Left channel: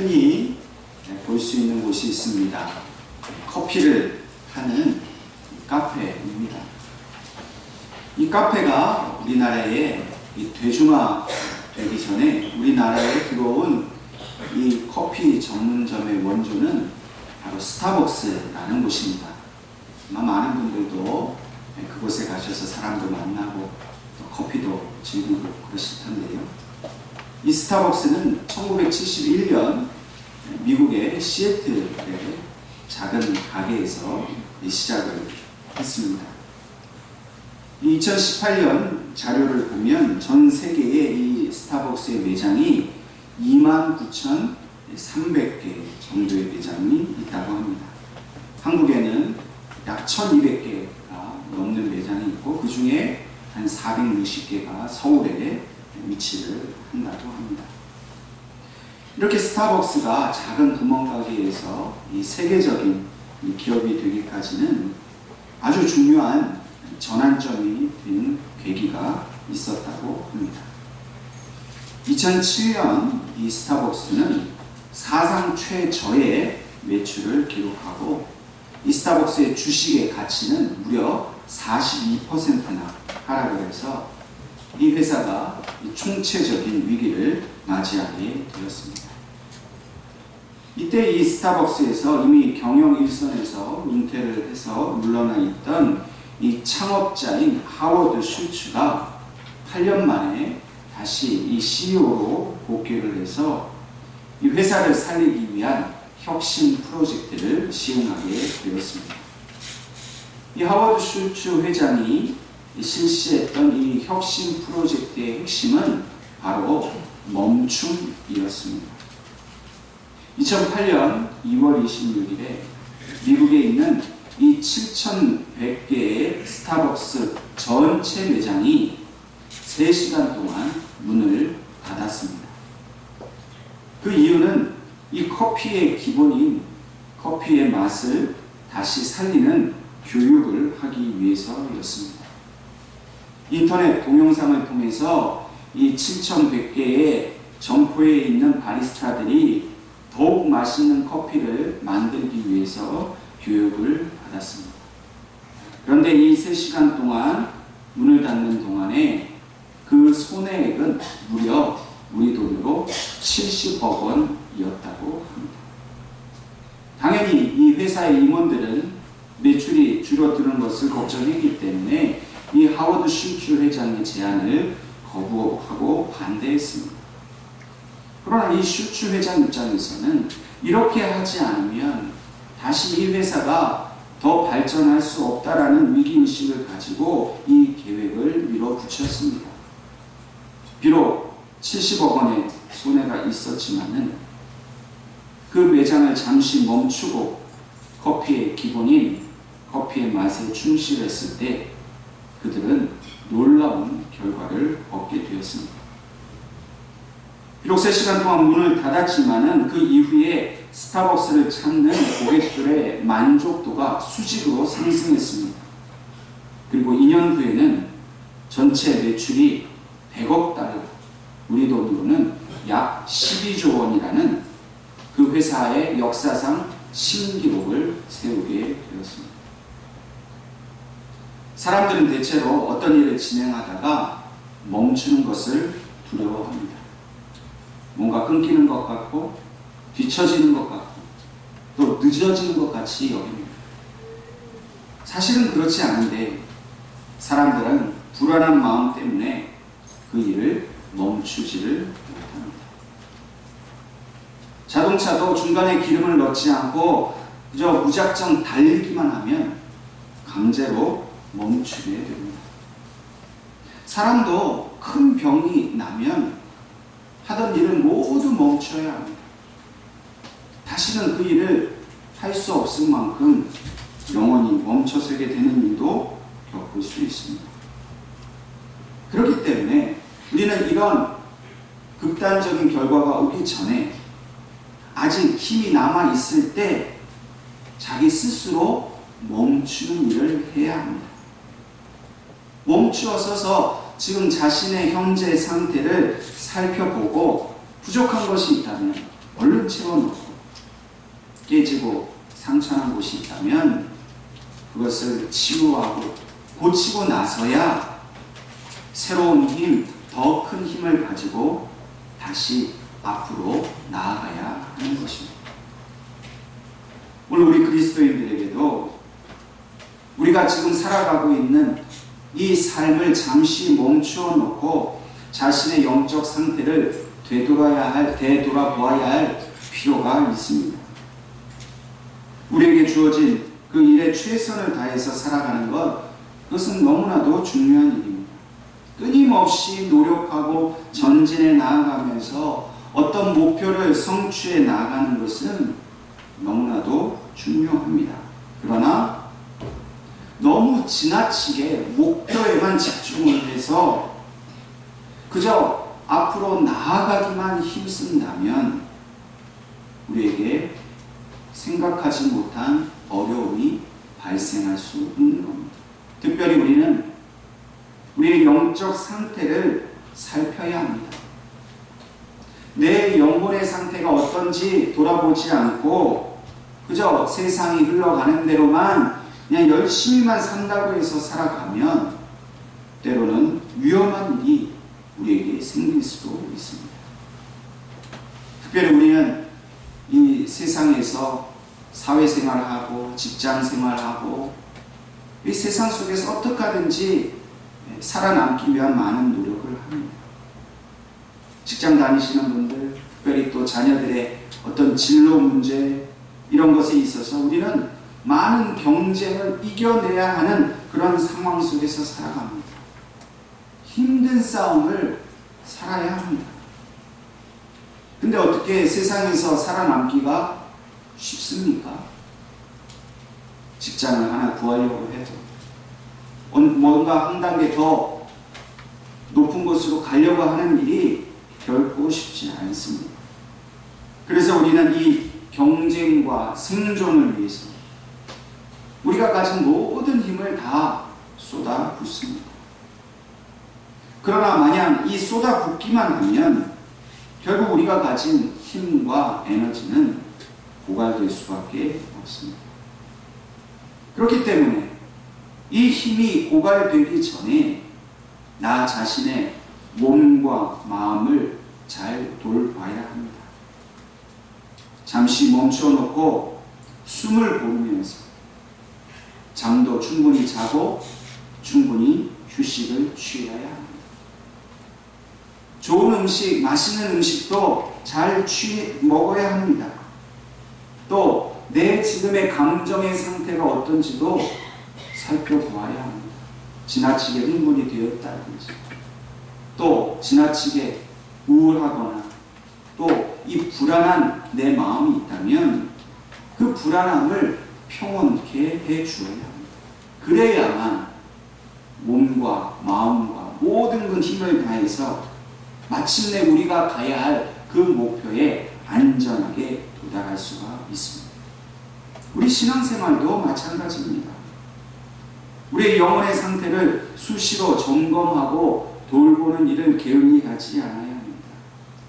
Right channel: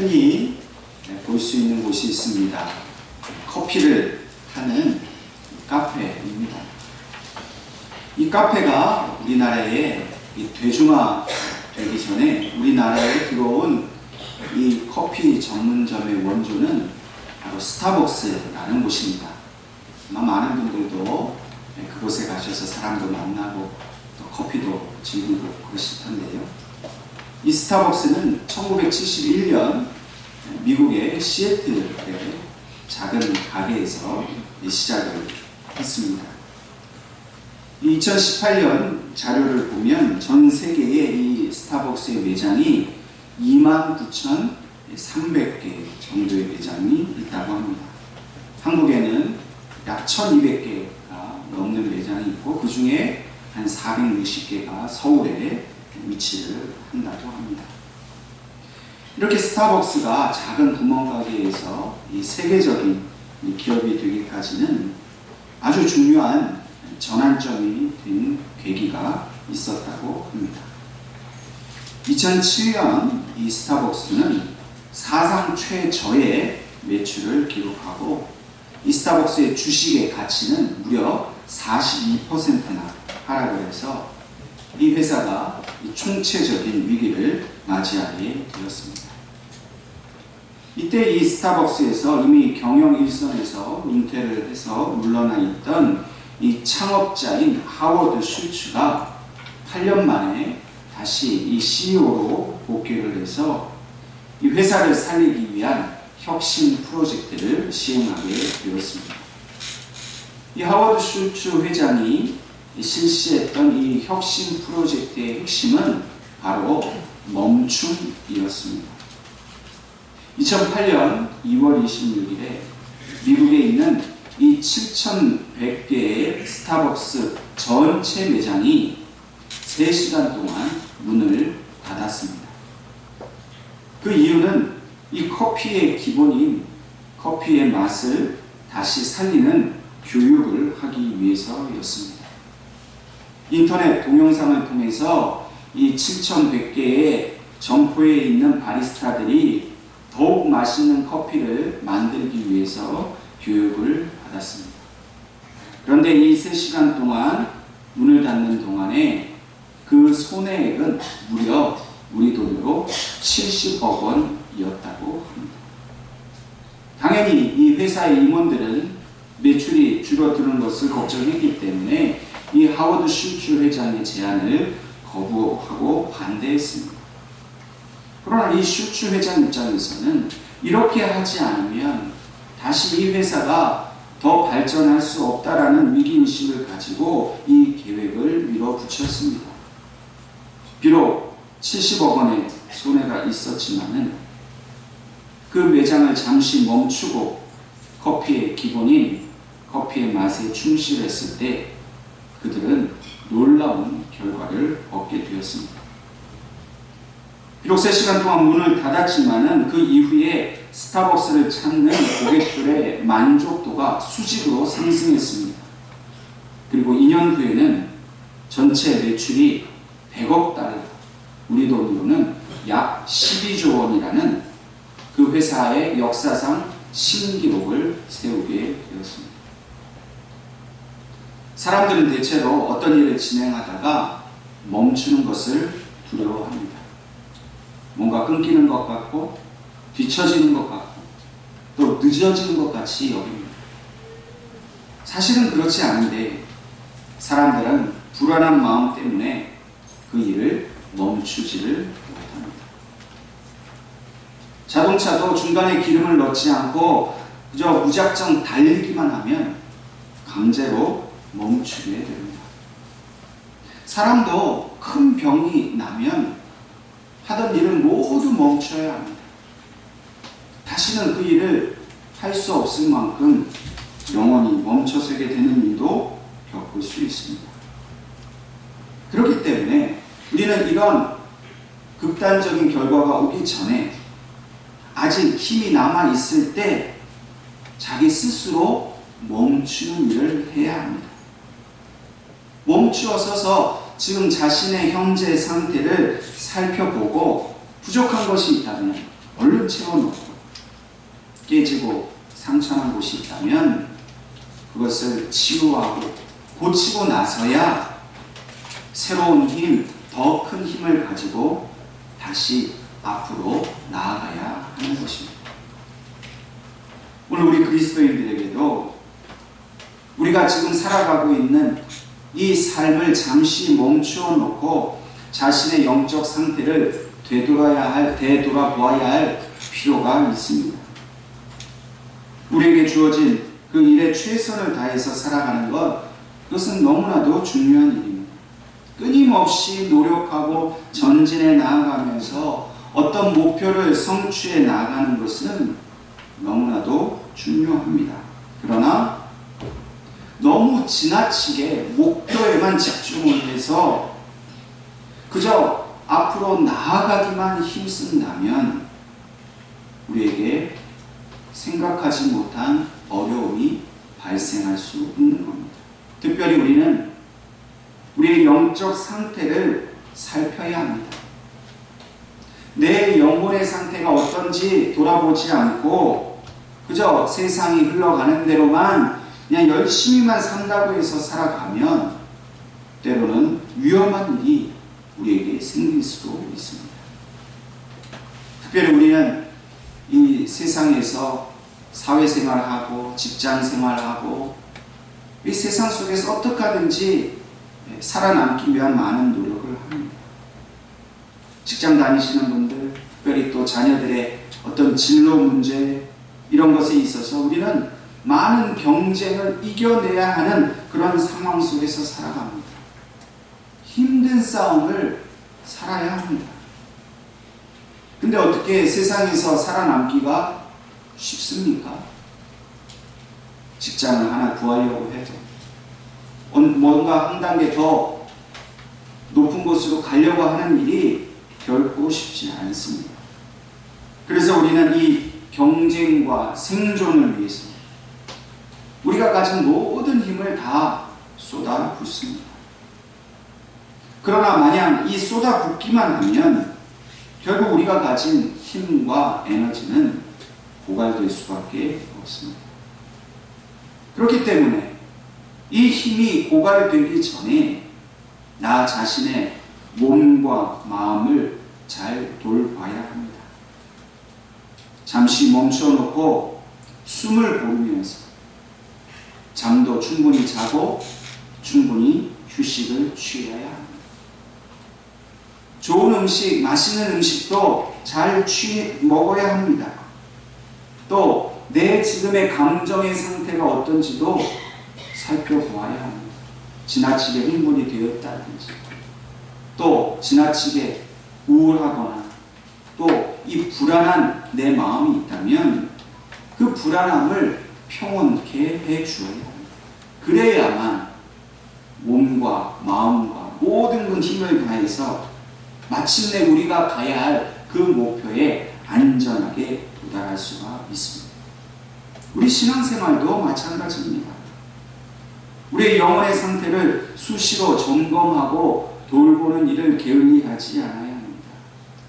흔히 볼 수 있는 곳이 있습니다. 커피를 하는 카페입니다. 이 카페가 우리나라에 대중화되기 전에 우리나라에 들어온 이 커피 전문점의 원조는 바로 스타벅스라는 곳입니다. 아마 많은 분들도 그곳에 가셔서 사람도 만나고 또 커피도 즐기고 그러실 텐데요. 이 스타벅스는 1971년 미국의 시애틀의 작은 가게에서 시작을 했습니다. 2018년 자료를 보면 전 세계에 이 스타벅스의 매장이 29,300개 정도의 매장이 있다고 합니다. 한국에는 약 1,200개가 넘는 매장이 있고 그 중에 한 460개가 서울에 위치를 한다고 합니다. 이렇게 스타벅스가 작은 구멍가게에서 이 세계적인 기업이 되기까지는 아주 중요한 전환점이 된 계기가 있었다고 합니다. 2007년 이 스타벅스는 사상 최저의 매출을 기록하고 이 스타벅스의 주식의 가치는 무려 42%나 하락을 해서 이 회사가 총체적인 위기를 맞이하게 되었습니다. 이때 이 스타벅스에서 이미 경영 일선에서 은퇴를 해서 물러나 있던 이 창업자인 하워드 슐츠가 8년 만에 다시 이 CEO로 복귀를 해서 이 회사를 살리기 위한 혁신 프로젝트를 시행하게 되었습니다. 이 하워드 슐츠 회장이 실시했던 이 혁신 프로젝트의 핵심은 바로 멈춤이었습니다. 2008년 2월 26일에 미국에 있는 이 7,100개의 스타벅스 전체 매장이 3시간 동안 문을 닫았습니다. 그 이유는 이 커피의 기본인 커피의 맛을 다시 살리는 교육을 하기 위해서였습니다. 인터넷 동영상을 통해서 이 7,100개의 점포에 있는 바리스타들이 더욱 맛있는 커피를 만들기 위해서 교육을 받았습니다. 그런데 이 3시간 동안 문을 닫는 동안에 그 손해액은 무려 우리 돈으로 70억 원이었다고 합니다. 당연히 이 회사의 임원들은 매출이 줄어드는 것을 걱정했기 때문에 이 하워드 슐츠 회장의 제안을 거부하고 반대했습니다. 그러나 이 슐츠 회장 입장에서는 이렇게 하지 않으면 다시 이 회사가 더 발전할 수 없다라는 위기의식을 가지고 이 계획을 밀어붙였습니다. 비록 70억 원의 손해가 있었지만은 그 매장을 잠시 멈추고 커피의 기본인 커피의 맛에 충실했을 때 그들은 놀라운 결과를 얻게 되었습니다. 비록 3시간 동안 문을 닫았지만은 그 이후에 스타벅스를 찾는 고객들의 만족도가 수직으로 상승했습니다. 그리고 2년 후에는 전체 매출이 100억 달러, 우리 돈으로는 약 12조 원이라는 그 회사의 역사상 신기록을 세우게 되었습니다. 사람들은 대체로 어떤 일을 진행하다가 멈추는 것을 두려워합니다. 뭔가 끊기는 것 같고 뒤처지는 것 같고 또 늦어지는 것 같이 여깁니다. 사실은 그렇지 않은데 사람들은 불안한 마음 때문에 그 일을 멈추지를 못합니다. 자동차도 중간에 기름을 넣지 않고 그저 무작정 달리기만 하면 강제로 멈추게 됩니다. 사람도 큰 병이 나면 하던 일을 모두 멈춰야 합니다. 다시는 그 일을 할 수 없을 만큼 영원히 멈춰서게 되는 일도 겪을 수 있습니다. 그렇기 때문에 우리는 이런 극단적인 결과가 오기 전에 아직 힘이 남아 있을 때 자기 스스로 멈추는 일을 해야 합니다. 멈추어 서서 지금 자신의 현재 상태를 살펴보고 부족한 것이 있다면 얼른 채워놓고 깨지고 상처난 곳이 있다면 그것을 치유하고 고치고 나서야 새로운 힘, 더 큰 힘을 가지고 다시 앞으로 나아가야 하는 것입니다. 오늘 우리 그리스도인들에게도 우리가 지금 살아가고 있는 이 삶을 잠시 멈추어 놓고 자신의 영적 상태를 되돌아보아야 할 필요가 있습니다. 우리에게 주어진 그 일에 최선을 다해서 살아가는 것, 그것은 너무나도 중요한 일입니다. 끊임없이 노력하고 전진해 나아가면서 어떤 목표를 성취해 나가는 것은 너무나도 중요합니다. 그러나 너무 지나치게 목표에만 집중을 해서 그저 앞으로 나아가기만 힘쓴다면 우리에게 생각하지 못한 어려움이 발생할 수 있는 겁니다. 특별히 우리는 우리의 영적 상태를 살펴야 합니다. 내 영혼의 상태가 어떤지 돌아보지 않고 그저 세상이 흘러가는 대로만 그냥 열심히만 산다고 해서 살아가면 때로는 위험한 일이 우리에게 생길 수도 있습니다. 특별히 우리는 이 세상에서 사회생활하고 직장생활하고 이 세상 속에서 어떻게 하든지 살아남기 위한 많은 노력을 합니다. 직장 다니시는 분들, 특별히 또 자녀들의 어떤 진로 문제 이런 것에 있어서 우리는 많은 경쟁을 이겨내야 하는 그런 상황 속에서 살아갑니다. 힘든 싸움을 살아야 합니다. 근데 어떻게 세상에서 살아남기가 쉽습니까? 직장을 하나 구하려고 해도 뭔가 한 단계 더 높은 곳으로 가려고 하는 일이 결코 쉽지 않습니다. 그래서 우리는 이 경쟁과 생존을 위해서 우리가 가진 모든 힘을 다 쏟아붓습니다. 그러나 만약 이 쏟아붓기만 하면 결국 우리가 가진 힘과 에너지는 고갈될 수밖에 없습니다. 그렇기 때문에 이 힘이 고갈되기 전에 나 자신의 몸과 마음을 잘 돌봐야 합니다. 잠시 멈춰놓고 숨을 고르면서 잠도 충분히 자고 충분히 휴식을 취해야 합니다. 좋은 음식, 맛있는 음식도 잘 먹어야 합니다. 또 내 지금의 감정의 상태가 어떤지도 살펴보아야 합니다. 지나치게 흥분이 되었다든지 또 지나치게 우울하거나 또 이 불안한 내 마음이 있다면 그 불안함을 평온케 해주어야 합니다. 그래야만 몸과 마음과 모든 그 힘을 다해서 마침내 우리가 가야 할 그 목표에 안전하게 도달할 수가 있습니다. 우리 신앙생활도 마찬가지입니다. 우리의 영혼의 상태를 수시로 점검하고 돌보는 일을 게을리 하지 않아야 합니다.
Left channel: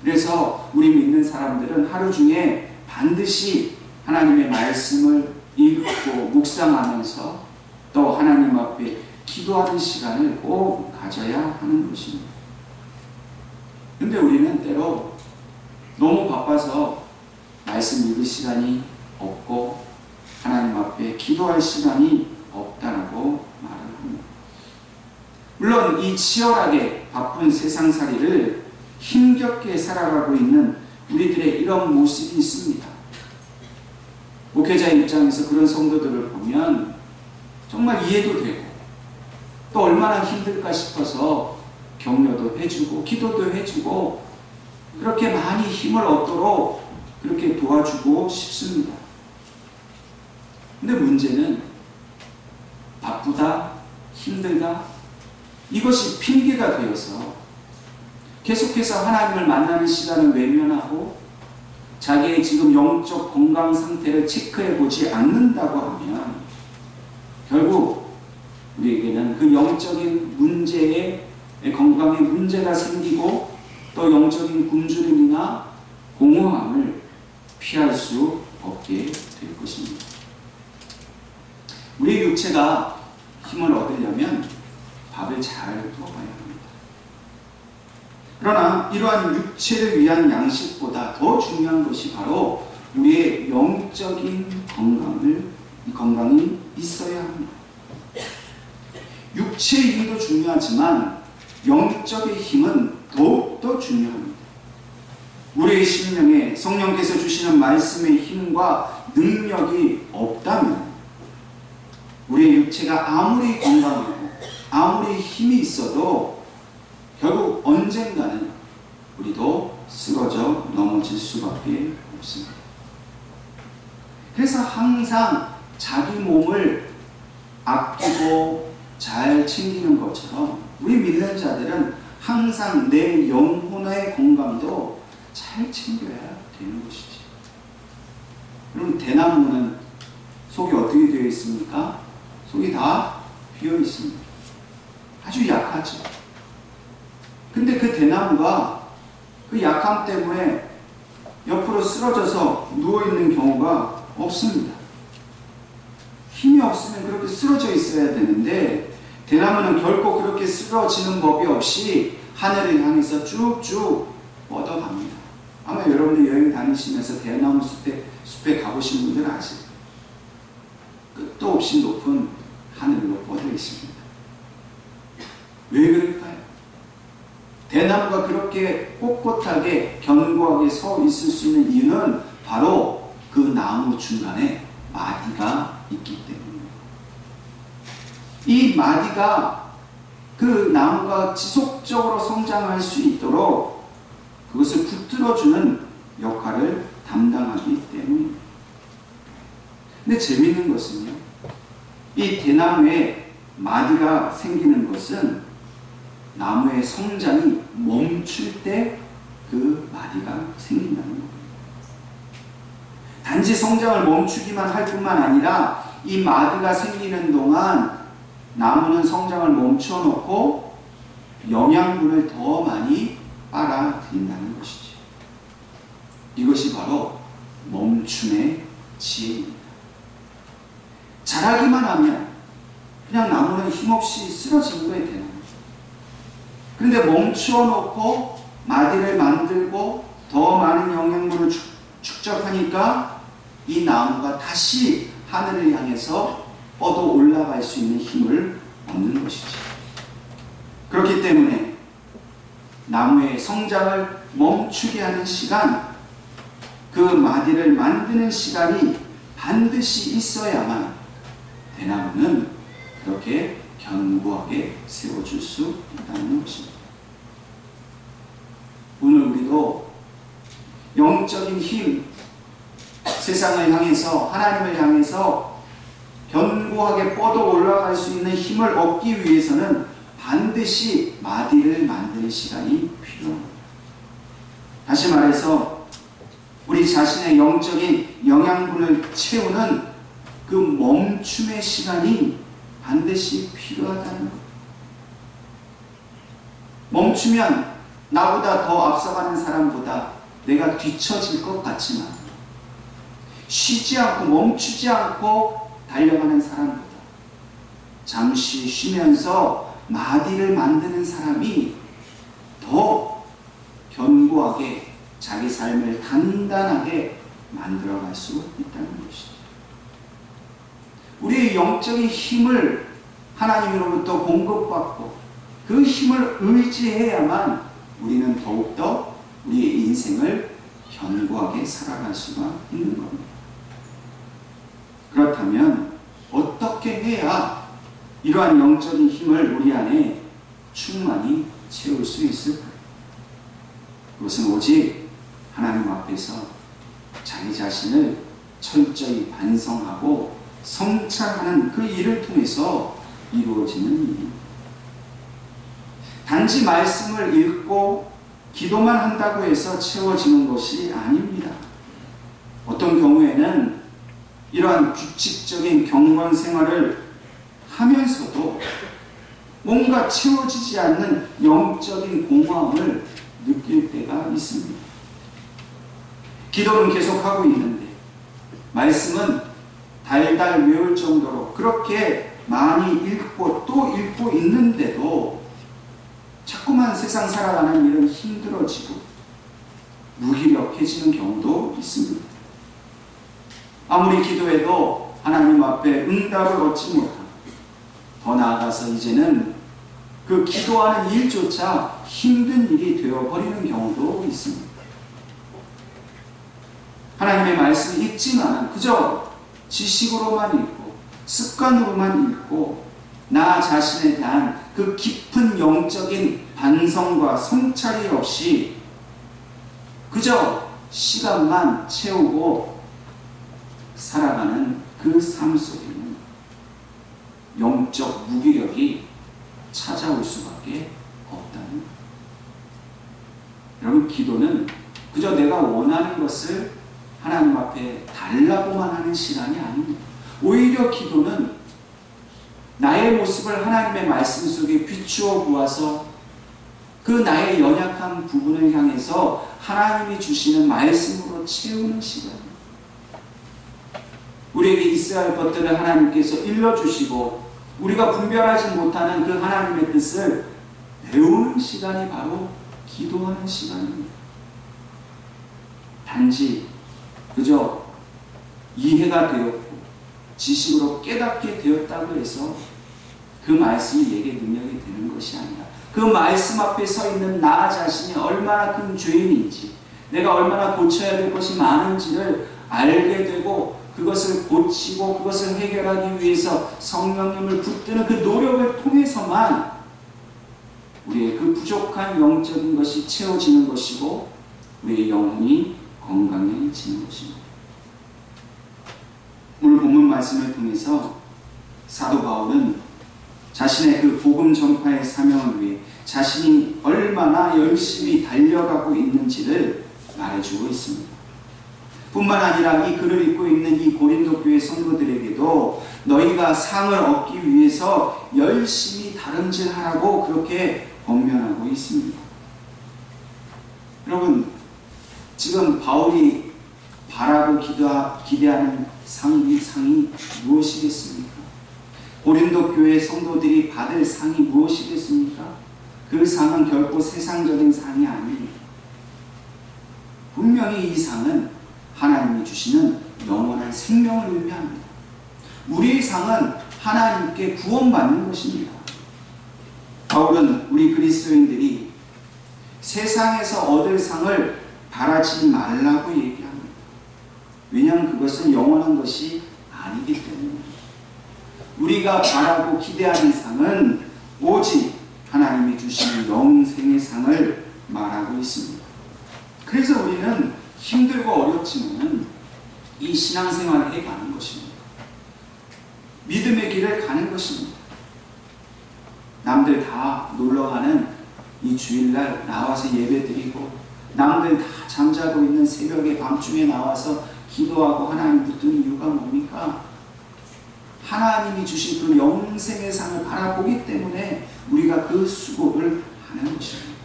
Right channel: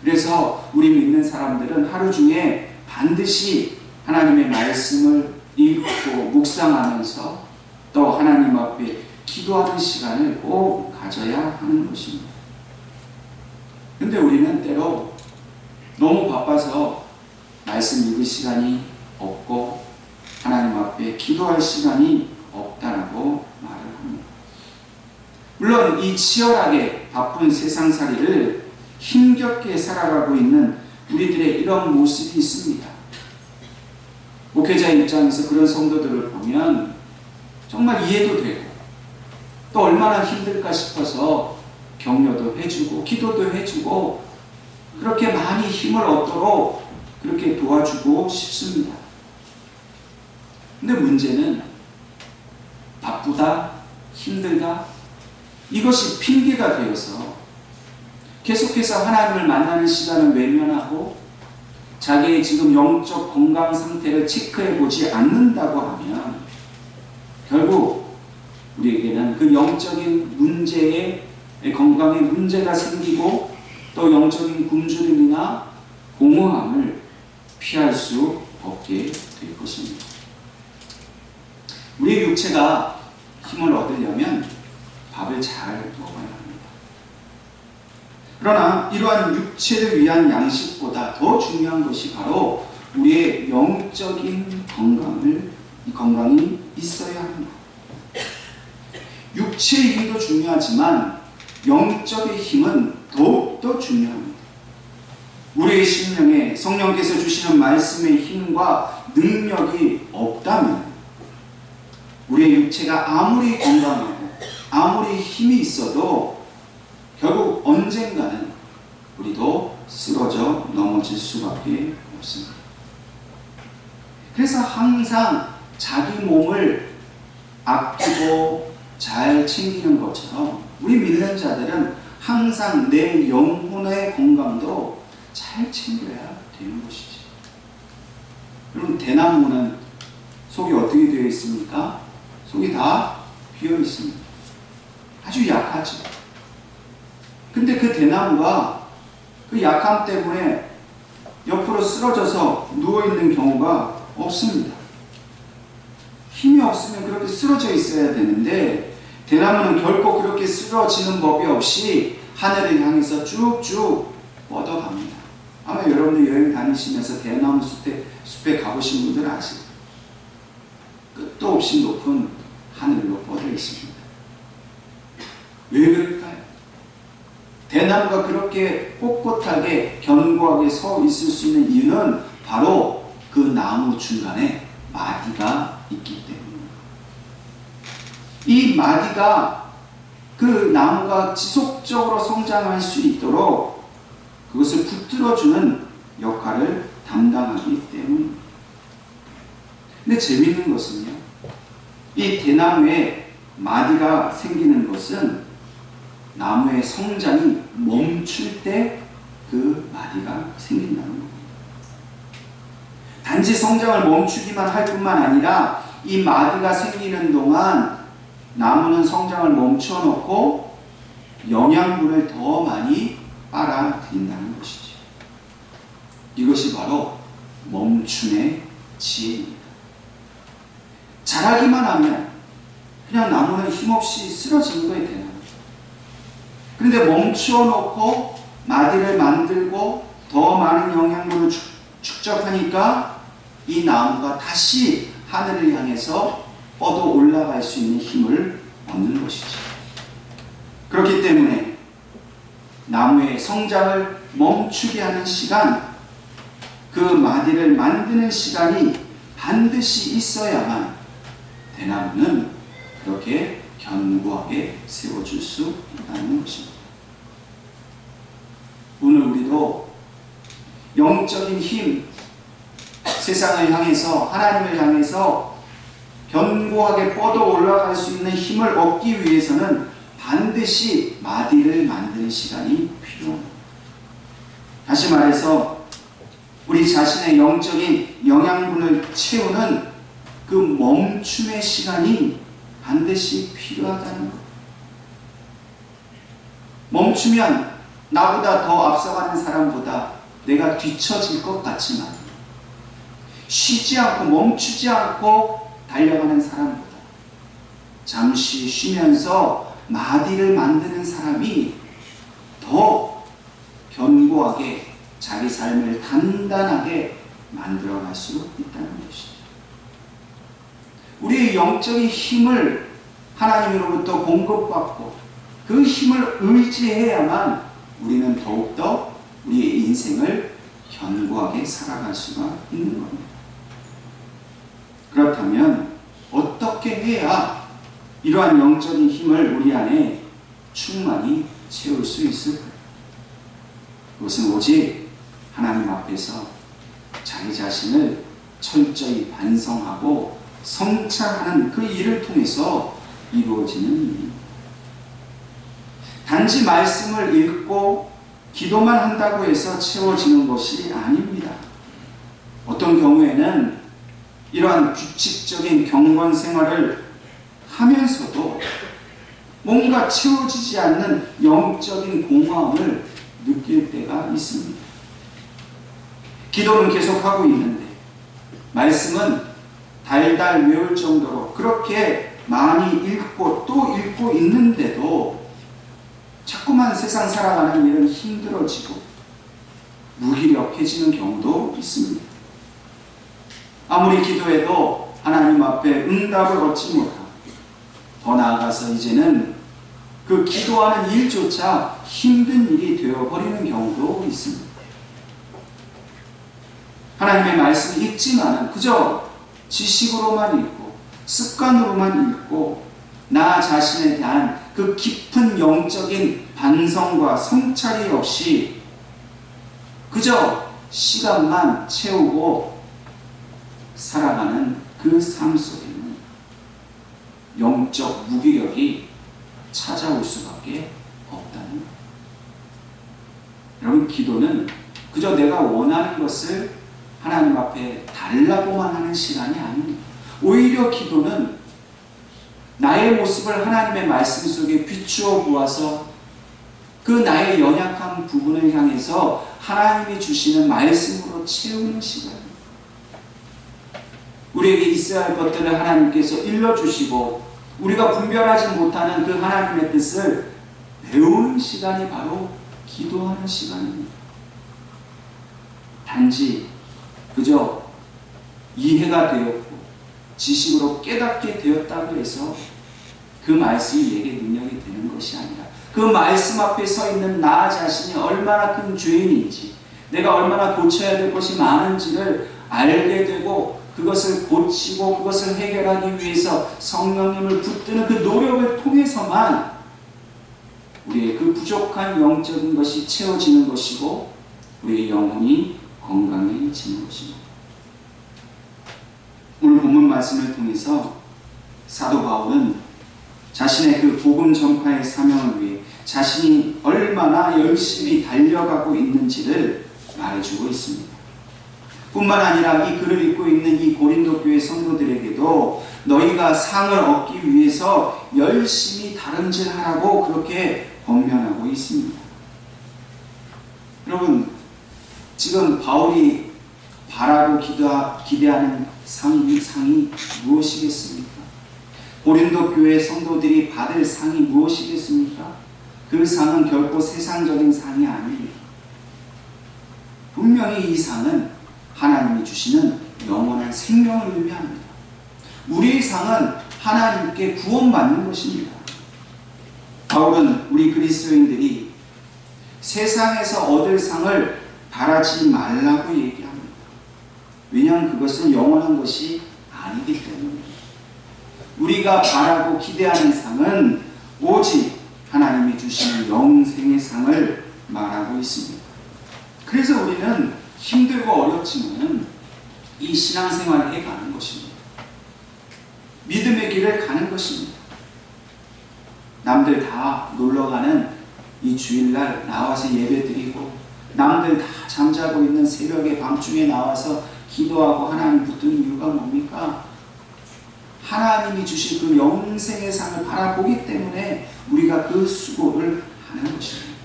그래서 우리 믿는 사람들은 하루 중에 반드시 하나님의 말씀을 읽고 묵상하면서 또 하나님 앞에 기도하는 시간을 꼭 가져야 하는 것입니다. 근데 우리는 때로 너무 바빠서 말씀 읽을 시간이 없고 하나님 앞에 기도할 시간이 없다라고 말을 합니다. 물론 이 치열하게 바쁜 세상살이를 힘겹게 살아가고 있는 우리들의 이런 모습이 있습니다. 목회자 입장에서 그런 성도들을 보면 정말 이해도 되고 또 얼마나 힘들까 싶어서 격려도 해주고 기도도 해주고 그렇게 많이 힘을 얻도록 그렇게 도와주고 싶습니다. 근데 문제는 바쁘다, 힘들다 이것이 핑계가 되어서 계속해서 하나님을 만나는 시간을 외면하고 자기의 지금 영적 건강 상태를 체크해 보지 않는다고 하면 결국 우리에게는 그 영적인 문제에 건강에 문제가 생기고 또 영적인 굶주림이나 공허함을 피할 수 없게 될 것입니다. 우리의 육체가 힘을 얻으려면 밥을 잘 먹어야 합니다. 그러나 이러한 육체를 위한 양식보다 더 중요한 것이 바로 우리의 영적인 건강이 있어야 합니다. 육체의 힘도 중요하지만 영적인 힘은 더욱더 중요합니다. 우리의 심령에 성령께서 주시는 말씀의 힘과 능력이 없다면 우리의 육체가 아무리 건강하고 아무리 힘이 있어도 결국 언젠가는 우리도 쓰러져 넘어질 수밖에 없습니다. 그래서 항상 자기 몸을 아끼고 잘 챙기는 것처럼 우리 믿는 자들은 항상 내 영혼의 건강도 잘 챙겨야 되는 것이지. 여러분, 대나무는 속이 어떻게 되어 있습니까? 속이 다 비어 있습니다. 아주 약하죠. 근데 그 대나무가 그 약함 때문에 옆으로 쓰러져서 누워있는 경우가 없습니다. 힘이 없으면 그렇게 쓰러져 있어야 되는데 대나무는 결코 그렇게 쓰러지는 법이 없이 하늘을 향해서 쭉쭉 뻗어갑니다. 아마 여러분들 여행 다니시면서 대나무 숲에 가보신 분들은 아실 거예요. 끝도 없이 높은 하늘로 뻗어 있습니다. 왜 그럴까요? 대나무가 그렇게 꼿꼿하게 견고하게 서 있을 수 있는 이유는 바로 그 나무 중간에 마디가 있기 때문입니다. 이 마디가 그 나무가 지속적으로 성장할 수 있도록 그것을 붙들어주는 역할을 담당하기 때문입니다. 근데 재미있는 것은요, 이 대나무에 마디가 생기는 것은 나무의 성장이 멈출 때 그 마디가 생긴다는 겁니다. 단지 성장을 멈추기만 할 뿐만 아니라 이 마디가 생기는 동안 나무는 성장을 멈춰 놓고 영양분을 더 많이 빨아들인다는 것이죠. 이것이 바로 멈춤의 지혜입니다. 자라기만 하면 그냥 나무는 힘없이 쓰러지는 거예요, 대나무. 그런데 멈추어 놓고 마디를 만들고 더 많은 영양분을 축적하니까 이 나무가 다시 하늘을 향해서 뻗어 올라갈 수 있는 힘을 얻는 것이죠. 그렇기 때문에 나무의 성장을 멈추게 하는 시간, 그 마디를 만드는 시간이 반드시 있어야만 대나무는 그렇게 견고하게 세워줄 수 있다는 것입니다. 오늘 우리도 영적인 힘, 세상을 향해서, 하나님을 향해서 견고하게 뻗어 올라갈 수 있는 힘을 얻기 위해서는 반드시 마디를 만드는 시간이 필요합니다. 다시 말해서 우리 자신의 영적인 영양분을 채우는 그 멈춤의 시간이 반드시 필요하다는 것. 멈추면 나보다 더 앞서가는 사람보다 내가 뒤처질 것 같지만 쉬지 않고 멈추지 않고 달려가는 사람보다 잠시 쉬면서 마디를 만드는 사람이 더 견고하게 자기 삶을 단단하게 만들어갈 수 있다는 것이죠. 우리의 영적인 힘을 하나님으로부터 공급받고 그 힘을 의지해야만 우리는 더욱더 우리의 인생을 견고하게 살아갈 수가 있는 겁니다. 그렇다면 어떻게 해야 이러한 영적인 힘을 우리 안에 충만히 채울 수 있을까요? 그것은 오직 하나님 앞에서 자기 자신을 철저히 반성하고 성찰하는 그 일을 통해서 이루어지는 일입니다. 단지 말씀을 읽고 기도만 한다고 해서 채워지는 것이 아닙니다. 어떤 경우에는 이러한 규칙적인 경건 생활을 하면서도 뭔가 채워지지 않는 영적인 공허함을 느낄 때가 있습니다. 기도는 계속하고 있는데 말씀은 달달 외울 정도로 그렇게 많이 읽고 또 읽고 있는데도 자꾸만 세상 살아가는 일은 힘들어지고 무기력해지는 경우도 있습니다. 아무리 기도해도 하나님 앞에 응답을 얻지 못하고 더 나아가서 이제는 그 기도하는 일조차 힘든 일이 되어버리는 경우도 있습니다. 하나님의 말씀을 읽지만 그저 지식으로만 읽고 습관으로만 읽고 나 자신에 대한 그 깊은 영적인 반성과 성찰이 없이 그저 시간만 채우고 살아가는 그 삶 속에는 영적 무기력이 찾아올 수밖에 없다는 것. 여러분, 기도는 그저 내가 원하는 것을 하나님 앞에 달라고만 하는 시간이 아닙니다. 오히려 기도는 나의 모습을 하나님의 말씀 속에 비추어 보아서 그 나의 연약한 부분을 향해서 하나님이 주시는 말씀으로 채우는 시간입니다. 우리에게 있어야 할 것들을 하나님께서 일러주시고 우리가 분별하지 못하는 그 하나님의 뜻을 배우는 시간이 바로 기도하는 시간입니다. 단지 그저 이해가 되었고 지식으로 깨닫게 되었다고 해서 그 말씀이 내게 능력이 되는 것이 아니라 그 말씀 앞에 서 있는 나 자신이 얼마나 큰 죄인인지 내가 얼마나 고쳐야 될 것이 많은지를 알게 되고 그것을 고치고 그것을 해결하기 위해서 성령님을 붙드는 그 노력을 통해서만 우리의 그 부족한 영적인 것이 채워지는 것이고 우리의 영혼이 건강해지는 것입니다. 오늘 본문 말씀을 통해서 사도 바울은 자신의 그 복음 전파의 사명을 위해 자신이 얼마나 열심히 달려가고 있는지를 말해주고 있습니다. 뿐만 아니라 이 글을 읽고 있는 이 고린도 교회 성도들에게도 너희가 상을 얻기 위해서 열심히 다름질하라고 그렇게 권면하고 있습니다. 여러분, 지금 바울이 바라고 기대하는 상이 무엇이겠습니까? 고린도 교회 성도들이 받을 상이 무엇이겠습니까? 그 상은 결코 세상적인 상이 아닙니다. 분명히 이 상은 하나님이 주시는 영원한 생명을 의미합니다. 우리의 상은 하나님께 구원받는 것입니다. 바울은 우리 그리스도인들이 세상에서 얻을 상을 바라지 말라고 얘기합니다. 왜냐하면 그것은 영원한 것이 아니기 때문입니다. 우리가 바라고 기대하는 상은 오직 하나님이 주시는 영생의 상을 말하고 있습니다. 그래서 우리는 힘들고 어렵지만 이 신앙생활을 해가는 것입니다. 믿음의 길을 가는 것입니다. 남들 다 놀러가는 이 주일날 나와서 예배드리고 남들 다 잠자고 있는 새벽에 밤중에 나와서 기도하고 하나님 붙드는 이유가 뭡니까? 하나님이 주신 그 영생의 상을 바라보기 때문에 우리가 그 수고를 하는 것입니다.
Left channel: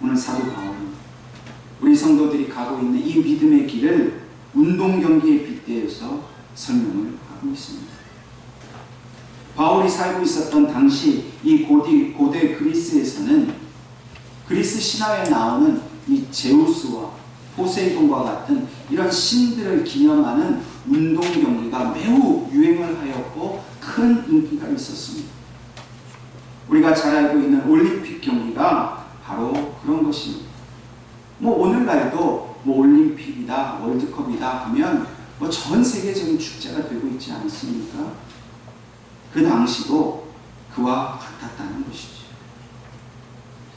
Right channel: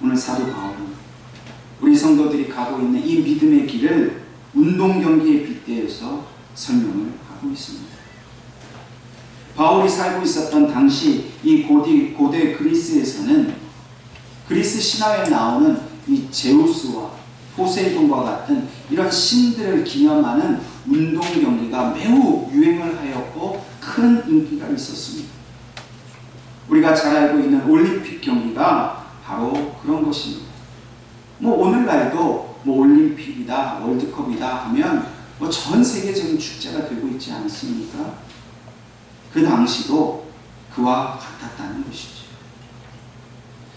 오늘 사도 바울은 우리 성도들이 가고 있는 이 믿음의 길을 운동 경기에 빗대어서 설명을 하고 있습니다. 바울이 살고 있었던 당시 이 고대 그리스에서는 그리스 신화에 나오는 이 제우스와 포세이돈과 같은 이런 신들을 기념하는 운동 경기가 매우 유행을 하였고 큰 인기가 있었습니다. 우리가 잘 알고 있는 올림픽 경기가 바로 그런 것입니다. 오늘날도 올림픽이다, 월드컵이다 하면 전 세계적인 축제가 되고 있지 않습니까? 그 당시도 그와 같았다는 것이죠.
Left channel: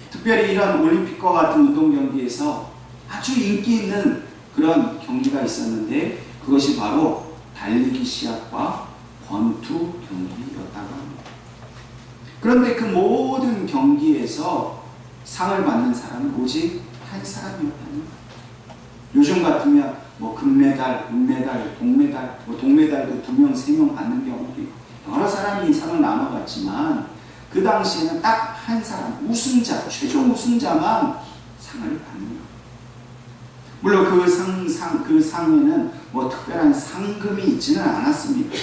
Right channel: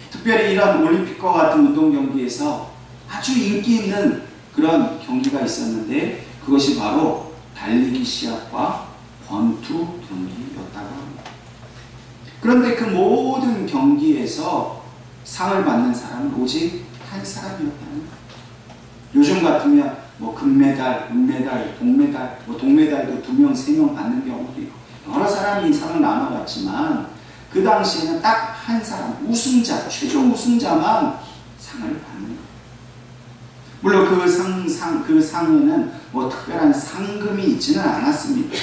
특별히 이런 올림픽과 같은 운동 경기에서 아주 인기 있는 그런 경기가 있었는데 그것이 바로 달리기 시합과 권투 경기였다고 합니다. 그런데 그 모든 경기에서 상을 받는 사람은 오직 한 사람이었다는 거예요. 요즘 같으면 금메달, 은메달, 동메달, 동메달도 2명, 3명 받는 경우도 있고 여러 사람이 상을 나눠갔지만 그 당시에는 딱 한 사람, 우승자, 최종 우승자만 상을 받는 거예요. 물론 그 상에는 뭐 특별한 상금이 있지는 않았습니다.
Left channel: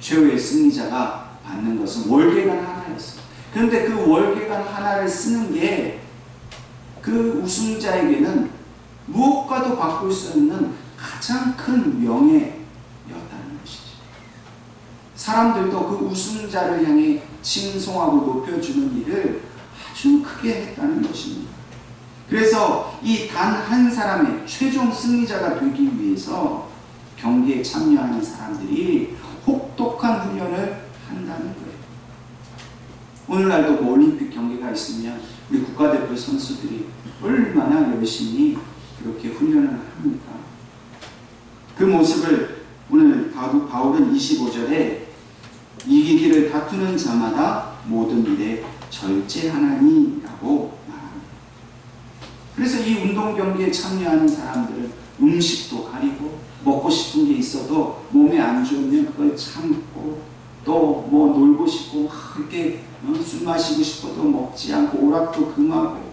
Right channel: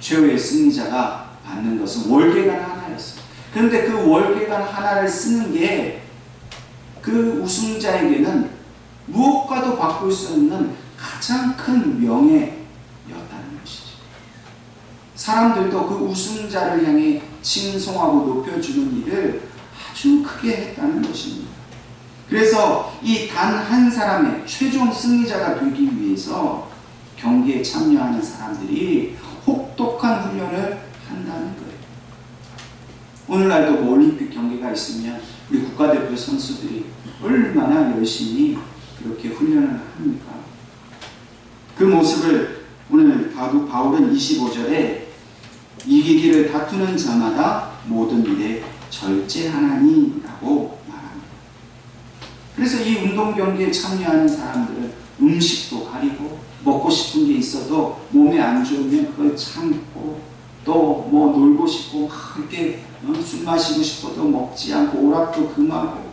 최후의 승리자가 받는 것은 월계관 하나였어요. 그런데 그 월계관 하나를 쓰는 게 그 우승자에게는 무엇과도 바꿀 수 없는 가장 큰 명예였다는 것이죠. 사람들도 그 우승자를 향해 칭송하고 높여주는 일을 아주 크게 했다는 것입니다. 그래서 이 단 한 사람의 최종 승리자가 되기 위해서 경기에 참여하는 사람들이 혹독한 훈련을 한다는 거예요. 오늘날도 뭐 올림픽 경기가 있으면 우리 국가대표 선수들이 얼마나 열심히 그렇게 훈련을 합니까? 그 모습을 오늘 바울은 25절에 이기기를 다투는 자마다 모든 일에 절제하나니 라고 말합니다. 그래서 이 운동 경기에 참여하는 사람들은 음식도 가리고 먹고 싶은 게 있어도 몸에 안 좋으면 그걸 참고 또 뭐 놀고 싶고 이렇게 술 마시고 싶어도 먹지 않고 오락도 금하고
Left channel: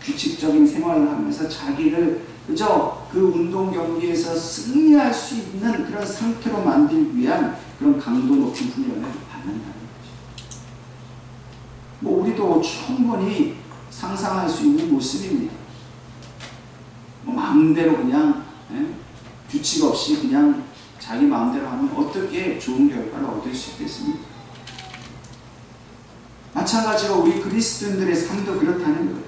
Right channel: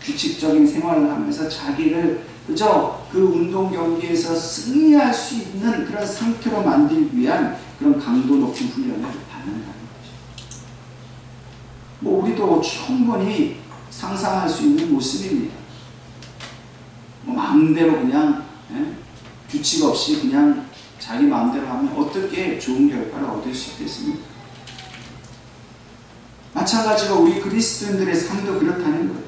규칙적인 생활을 하면서 자기를 그저 그 운동 경기에서 승리할 수 있는 그런 상태로 만들기 위한 그런 강도 높은 훈련을 받는다는 거죠. 뭐 우리도 충분히 상상할 수 있는 모습입니다. 뭐 마음대로 그냥 규칙 없이 그냥 자기 마음대로 하면 어떻게 좋은 결과를 얻을 수 있겠습니까? 마찬가지로 우리 그리스도인들의 삶도 그렇다는 거예요.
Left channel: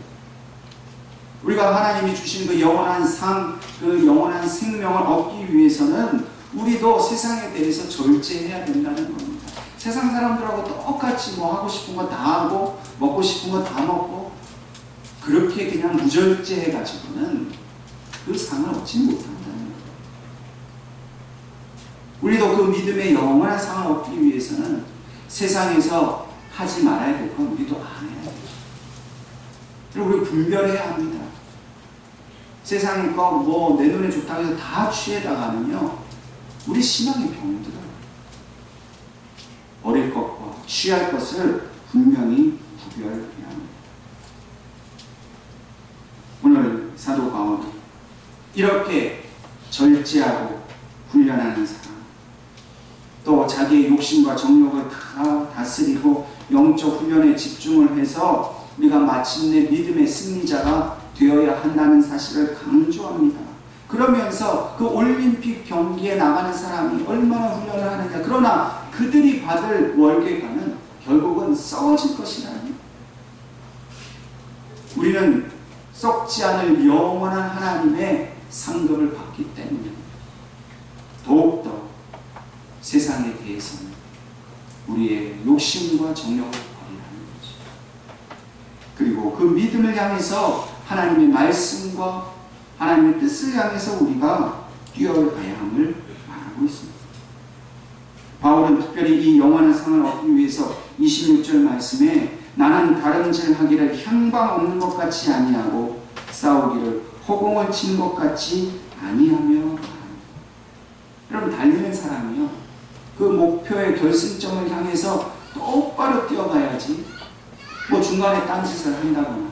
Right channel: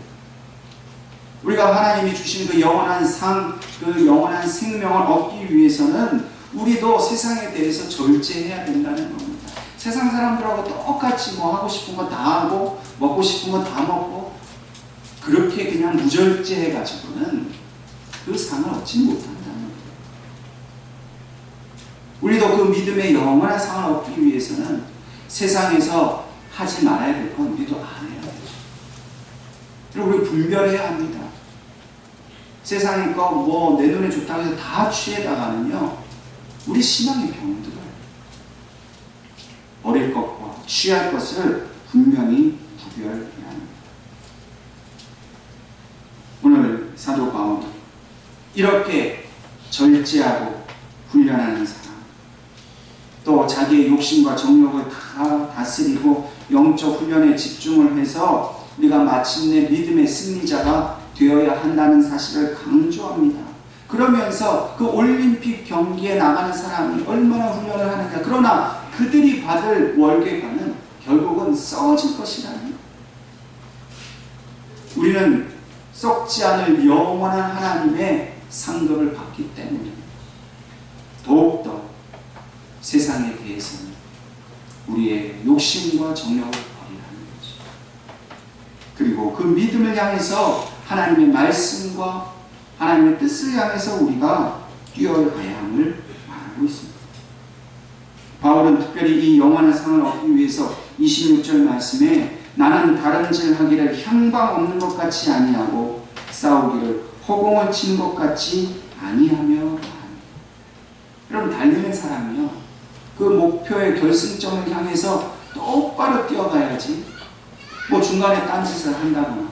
우리가 하나님이 주신 그 영원한 상, 그 영원한 생명을 얻기 위해서는 우리도 세상에 대해서 절제해야 된다는 겁니다. 세상 사람들하고 똑같이 뭐 하고 싶은 거 다 하고 먹고 싶은 거 다 먹고 그렇게 그냥 무절제해가지고는 그 상을 얻지 못한다는 거예요. 우리도 그 믿음의 영원한 상을 얻기 위해서는 세상에서 하지 말아야 될 건 우리도 안 해야 되죠. 그리고 우리 분별해야 합니다. 세상의 거 뭐 내 눈에 좋다고 해서 다 취해다가는요 우리 신앙이 병들어요. 어릴 것과 취할 것을 분명히 구별해야 합니다. 오늘 사도 바울은 이렇게 절제하고 훈련하는 사람, 또 자기의 욕심과 정욕을 다 다스리고 영적 훈련에 집중을 해서 우리가 마침내 믿음의 승리자가 되어야 한다는 사실을 강조합니다. 그러면서 그 올림픽 경기에 나가는 사람이 얼마나 훈련을 하느냐, 그러나 그들이 받을 월계관은 결국은 썩어질 것이라니. 우리는 썩지 않을 영원한 하나님의 상급을 받기 때문에 더욱더 세상에 대해서는 우리의 욕심과 정욕을 버리라는 거죠. 그리고 그 믿음을 향해서 하나님의 말씀과 하나님의 뜻을 향해서 우리가 뛰어가야 함을 말하고 있습니다. 바울은 특별히 이 영원한 상을 얻기 위해서 26절 말씀에 나는 다름질 하기를 향방 없는 것 같이 아니하고 싸우기를 허공을 치는 것 같이 아니하며 말합니다. 여러분, 달리는 사람이요, 그 목표의 결승점을 향해서 똑바로 뛰어가야지 뭐 중간에 딴짓을 한다거나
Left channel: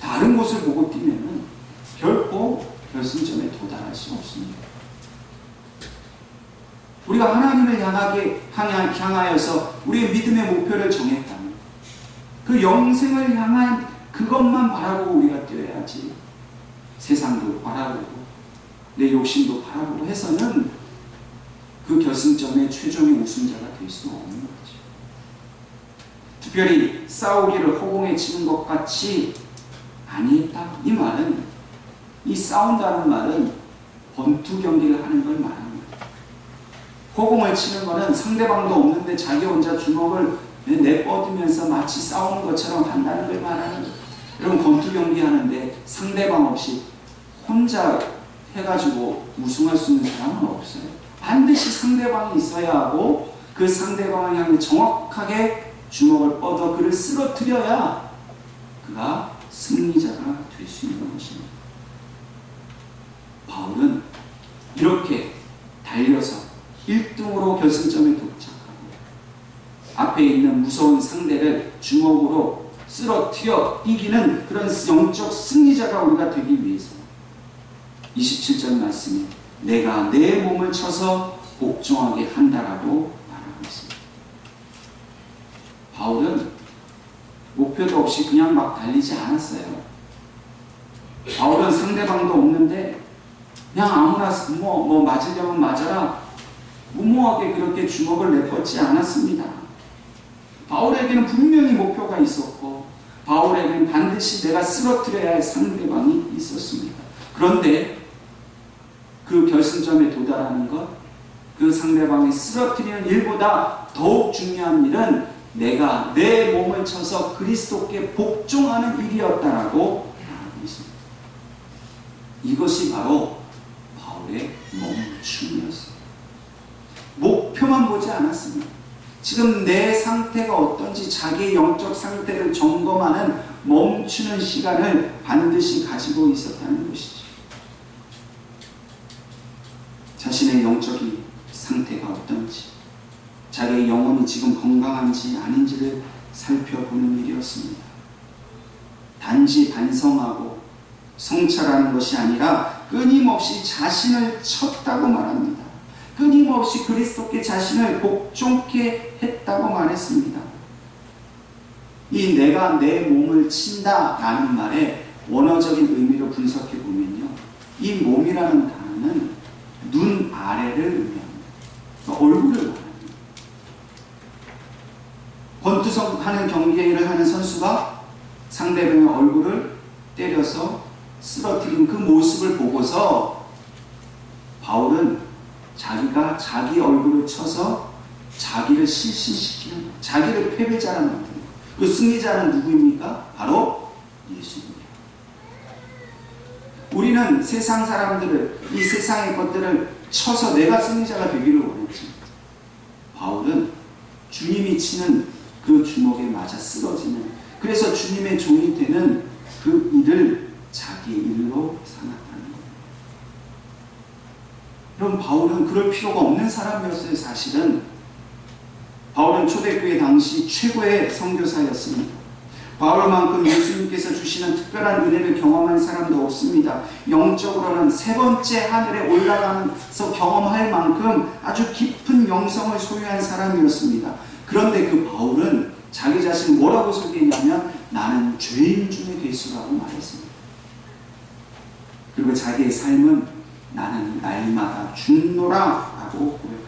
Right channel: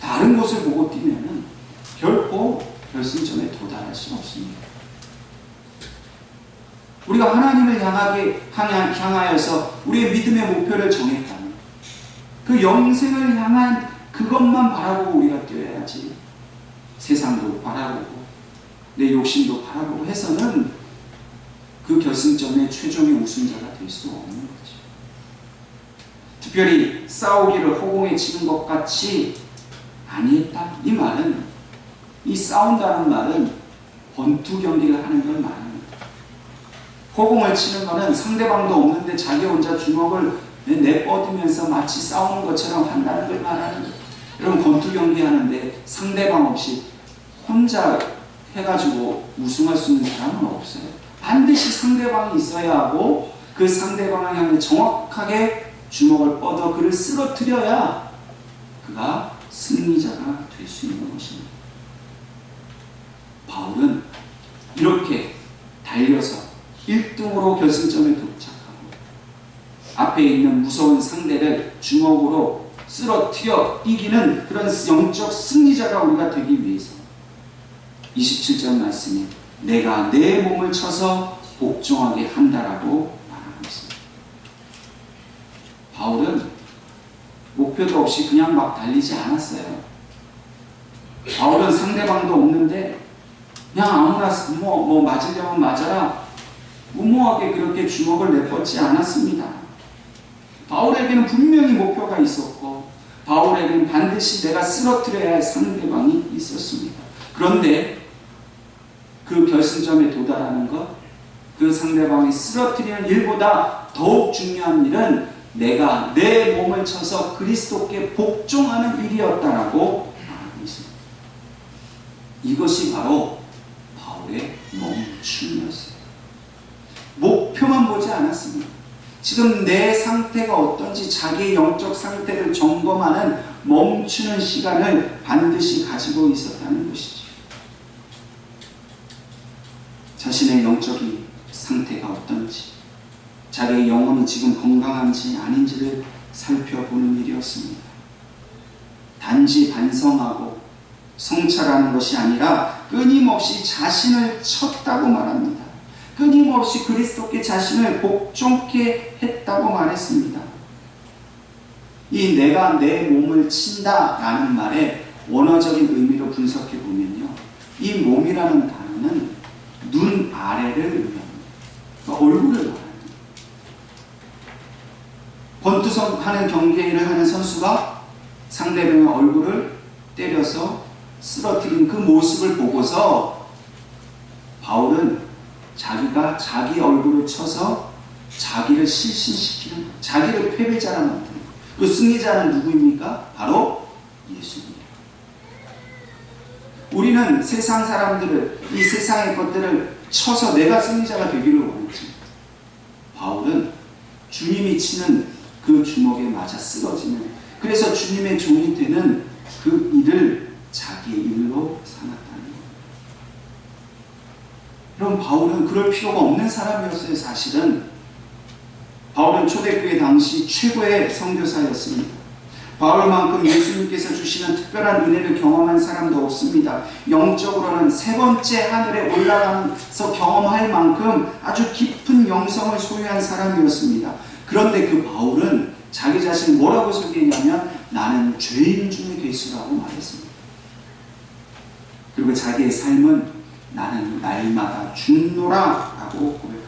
다른 곳을 보고 뛰면은 결코 결승점에 도달할 수 없습니다. 우리가 하나님을 향하여서 우리의 믿음의 목표를 정했다면 그 영생을 향한 그것만 바라보고 우리가 뛰어야지 세상도 바라보고 내 욕심도 바라보고 해서는 그 결승점의 최종의 우승자가 될 수 없는 거죠. 특별히 싸우기를 허공에 치는 것 같이 아니했다. 이 말은, 이 싸운다는 말은 권투 경기를 하는 걸 말합니다. 허공을 치는 것은 상대방도 없는데 자기 혼자 주먹을 내뻗으면서 마치 싸우는 것처럼 한다는 걸 말하는 거예요. 여러분, 권투 경기 하는데 상대방 없이 혼자 해가지고 우승할 수 있는 사람은 없어요. 반드시 상대방이 있어야 하고 그 상대방을 향해 정확하게 주먹을 뻗어 그를 쓰러뜨려야 그가 승리자가 될 수 있는 것입니다. 바울은 이렇게 달려서 1등으로 결승점에 도착하고 앞에 있는 무서운 상대를 주먹으로 쓰러뜨려 이기는 그런 영적 승리자가 우리가 되기 위해서 27절 말씀에 내가 내 몸을 쳐서 복종하게 한다라고 말하고 있습니다. 바울은 목표도 없이 그냥 막 달리지 않았어요. 바울은 상대방도 없는데 그냥 아무나 맞으려면 맞아라 무모하게 그렇게 주먹을 내뻗지 않았습니다. 바울에게는 분명히 목표가 있었고 바울에게는 반드시 내가 쓰러뜨려야 할 상대방이 있었습니다. 그런데 그 결승점에 도달하는 것, 그 상대방이 쓰러뜨리는 일보다 더욱 중요한 일은 내가 내 몸을 쳐서 그리스도께 복종하는 일이었다라고 말하고 있습니다. 이것이 바로 바울의 멈춤이었어요. 목표만 보지 않았습니다. 지금 내 상태가 어떤지 자기의 영적 상태를 점검하는 멈추는 시간을 반드시 가지고 있었다는 것이죠. 자신의 영적 상태가 어떤지, 자기의 영혼이 지금 건강한지 아닌지를 살펴보는 일이었습니다. 단지 반성하고 성찰하는 것이 아니라 끊임없이 자신을 쳤다고 말합니다. 끊임없이 그리스도께 자신을 복종케 했다고 말했습니다. 이 내가 내 몸을 친다라는 말의 원어적인 의미로 분석해 보면요, 이 몸이라는 단어는 눈 아래를 의미합니다. 그러니까 얼굴을 말합니다. 권투하는 경기를 하는 선수가 상대방의 얼굴을 때려서 쓰러뜨린 그 모습을 보고서 바울은 자기가 자기 얼굴을 쳐서 자기를 실신시키는, 자기를 패배자라 만드는 거예요. 그 승리자는 누구입니까? 바로 예수입니다. 우리는 세상 사람들을, 이 세상의 것들을 쳐서 내가 승리자가 되기를 원했지. 바울은 주님이 치는 그 주먹에 맞아 쓰러지는, 그래서 주님의 종이 되는 그 일을 자기의 일로 삼았다는 거예요. 그럼 바울은 그럴 필요가 없는 사람이었어요. 사실은 바울은 초대교회 당시 최고의 선교사였습니다. 바울만큼 예수님께서 주시는 특별한 은혜를 경험한 사람도 없습니다. 영적으로는 세 번째 하늘에 올라가면서 경험할 만큼 아주 깊은 영성을 소유한 사람이었습니다. 그런데 그 바울은 자기 자신을 뭐라고 소개했냐면 나는 죄인 중에 괴수라고 말했습니다. 그리고 자기의 삶은 나는 날마다 죽노라 라고 고백합니다.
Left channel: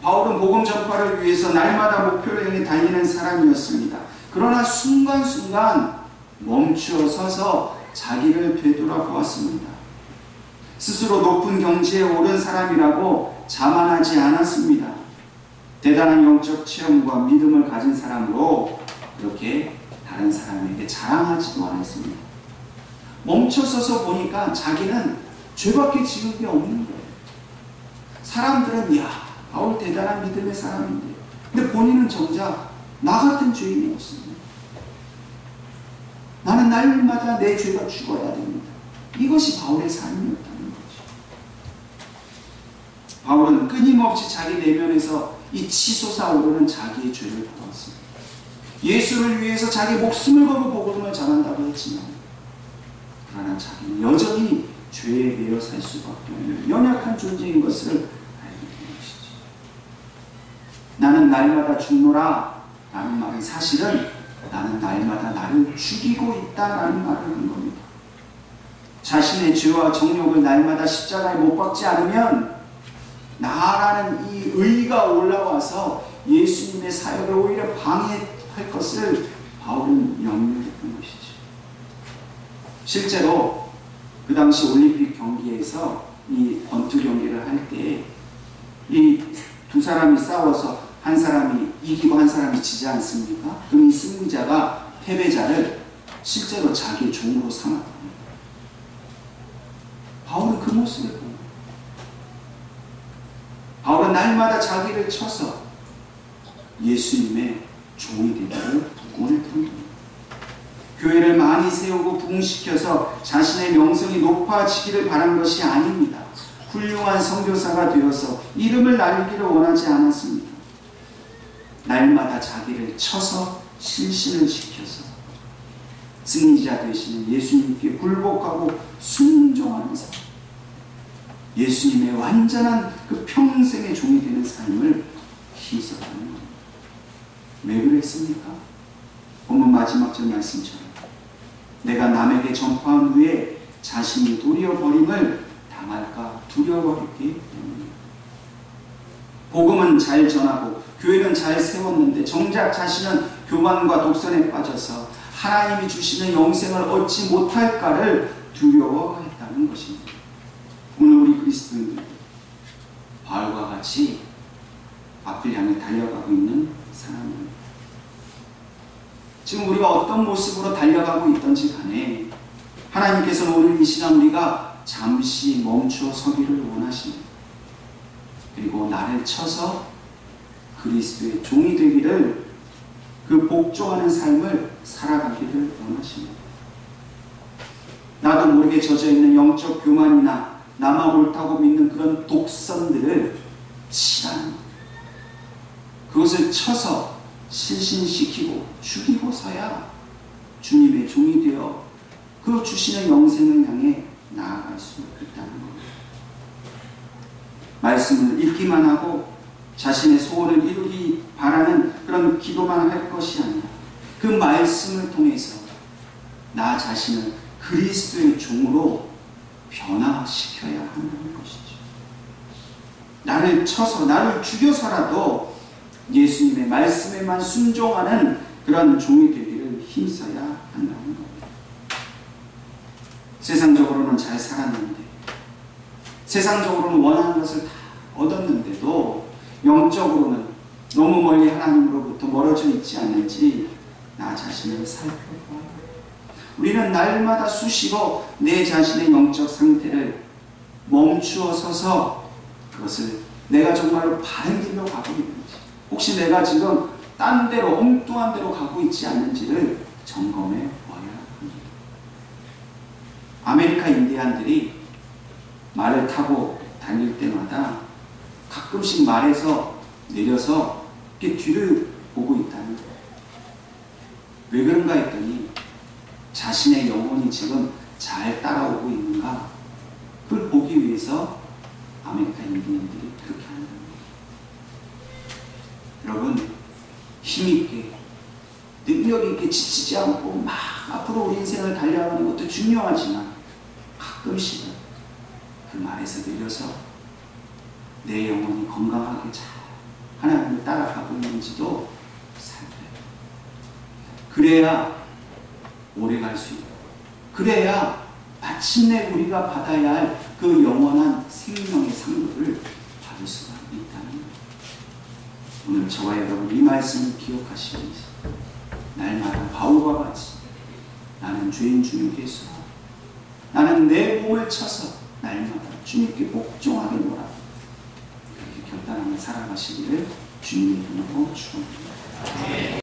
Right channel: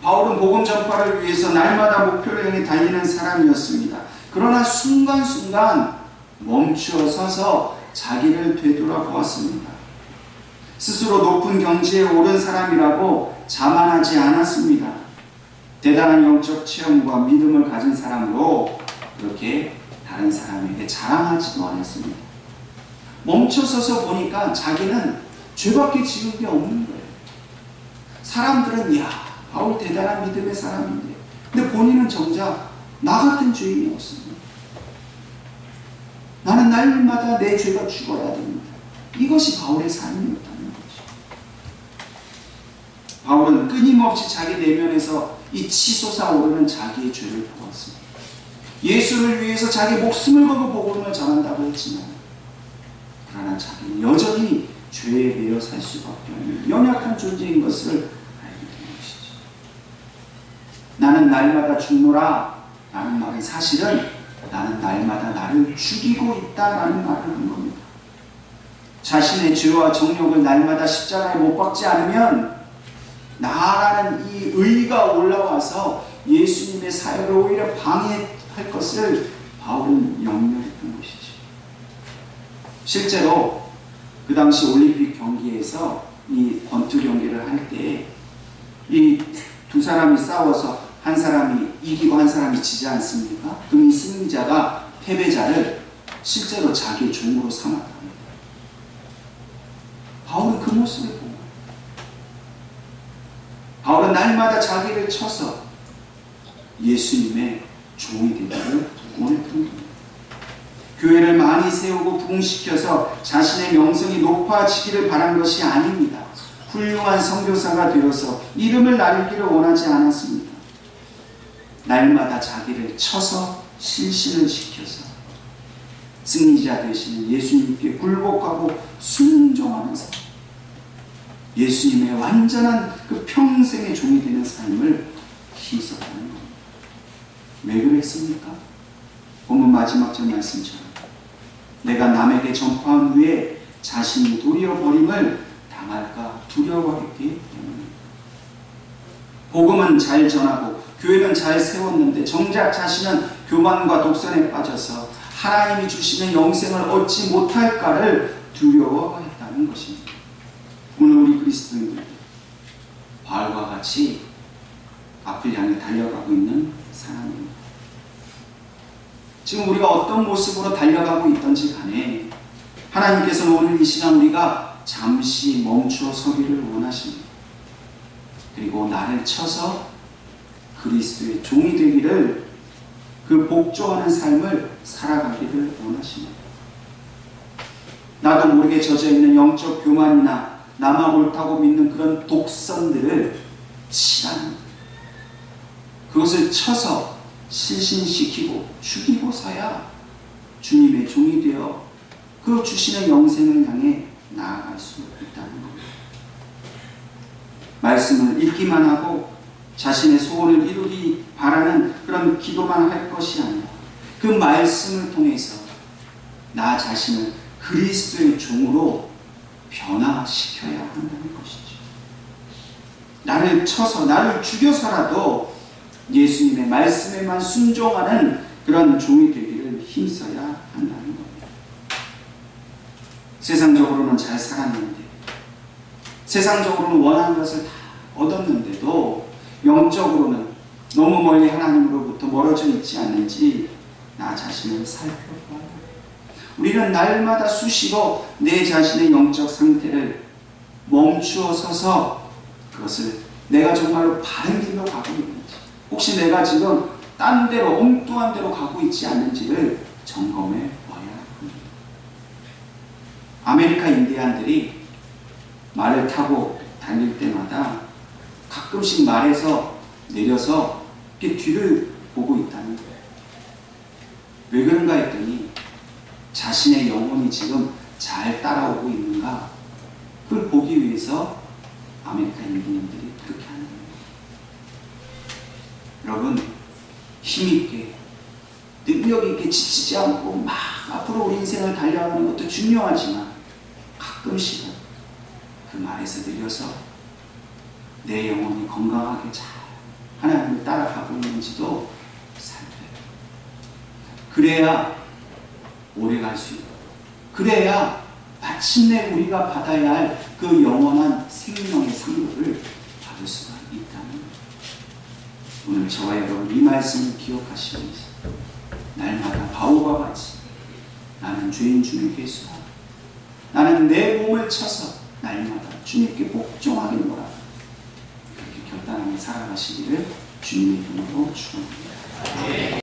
바울은 복음 전파를 위해서 날마다 목표를 향해 달리는 사람이었습니다. 그러나 순간순간 멈추어 서서 자기를 되돌아보았습니다. 스스로 높은 경지에 오른 사람이라고 자만하지 않았습니다. 대단한 영적 체험과 믿음을 가진 사람으로 그렇게 다른 사람에게 자랑하지도 않았습니다. 멈춰서서 보니까 자기는 죄밖에 지은 게 없는 거예요. 사람들은 야, 바울 대단한 믿음의 사람인데, 근데 본인은 정작 나 같은 죄인이었습니다. 나는 날마다 내 죄가 죽어야 됩니다. 이것이 바울의 삶이었다는 거죠. 바울은 끊임없이 자기 내면에서 이 치솟아오르는 자기의 죄를 보았습니다. 예수를 위해서 자기 목숨을 걸고 복음을 전한다고 했지만 그러나 자기는 여전히 죄에 매여 살 수밖에 없는 연약한 존재인 것을 알게 된 것이죠. 나는 날마다 죽노라 라는 말은 사실은 나는 날마다 나를 죽이고 있다라는 말을 한 겁니다. 자신의 죄와 정욕을 날마다 십자가에 못 박지 않으면 나라는 이 의가 올라와서 예수님의 사역을 오히려 방해할 것을 바울은 염려했던 것이죠. 실제로 그 당시 올림픽 경기에서 이 권투 경기를 할 때 이 두 사람이 싸워서 한 사람이 이기고 한 사람이 지지 않습니까? 그럼 이 승리자가 패배자를 실제로 자기의 종으로 삼았다. 바울은 그 모습을 보고 바울은 날마다 자기를 쳐서 예수님의 종이 되기를 원했던 겁니다. 교회를 많이 세우고 부흥시켜서 자신의 명성이 높아지기를 바란 것이 아닙니다. 훌륭한 선교사가 되어서 이름을 날리기를 원하지 않았습니다. 날마다 자기를 쳐서 실신을 시켜서 승리자 되시는 예수님께 굴복하고 순종하는 삶, 예수님의 완전한 그 평생의 종이 되는 삶을 힘써가는 겁니다. 왜 그랬습니까? 본문 마지막 절 말씀처럼 내가 남에게 전파한 후에 자신이 도리어 버림을 당할까 두려워했기 때문입니다. 복음은 잘 전하고 교회는 잘 세웠는데 정작 자신은 교만과 독선에 빠져서 하나님이 주시는 영생을 얻지 못할까를 두려워했다는 것입니다. 오늘 우리 그리스도인들 바울과 같이 앞을 향해 달려가고 있는 사람입니다. 지금 우리가 어떤 모습으로 달려가고 있던지 간에 하나님께서는 오늘 이 시간 우리가 잠시 멈추어 서기를 원하십니다. 그리고 나를 쳐서 그리스도의 종이 되기를, 그 복종하는 삶을 살아가기를 원하십니다. 나도 모르게 젖어있는 영적 교만이나 나만 옳다고 믿는 그런 독선들을 치라는 것, 그것을 쳐서 실신시키고 죽이고서야 주님의 종이 되어 그 주시는 영생을 향해 나아갈 수 있다는 겁니다. 말씀을 읽기만 하고 자신의 소원을 이루기 바라는 그런 기도만 할 것이 아니라 그 말씀을 통해서 나 자신을 그리스도의 종으로 변화시켜야 한다는 것이죠. 나를 쳐서 나를 죽여서라도 예수님의 말씀에만 순종하는 그런 종이 되기를 힘써야 한다는 겁니다. 세상적으로는 잘 살았는데, 세상적으로는 원하는 것을 다 얻었는데도 영적으로는 너무 멀리 하나님으로부터 멀어져 있지 않는지 나 자신을 살펴봐야 합니다. 우리는 날마다 수시로 내 자신의 영적 상태를 멈추어 서서 그것을 내가 정말로 바른 길로 가고 있는지, 혹시 내가 지금 딴 데로 엉뚱한 데로 가고 있지 않는지를 점검해 봐야 합니다. 아메리카 인디안들이 말을 타고 달릴 때마다 가끔씩 말에서 내려서 이렇게 뒤를 보고 있다는 거예요. 왜 그런가 했더니 자신의 영혼이 지금 잘 따라오고 있는가, 그걸 보기 위해서 아메리카 인디언들이 그렇게 하는 거예요. 여러분, 힘있게 능력있게 지치지 않고 막 앞으로 우리 인생을 달려가는 것도 중요하지만 가끔씩은 그 말에서 내려서 내 영혼이 건강하게 잘 하나님을 따라가고 있는지도 살펴요. 그래야 오래 갈 수 있고, 그래야 마침내 우리가 받아야 할 그 영원한 생명의 상급을 받을 수가 있다는 거예요. 오늘 저와 여러분 이 말씀을 기억하시면서 날마다 바울과 같이 나는 죄인 주님께 수하고 나는 내 몸을 쳐서 날마다 주님께 복종하겠노라, 그렇게 결단하며 살아가시기를 주님의 이름으로 축원합니다.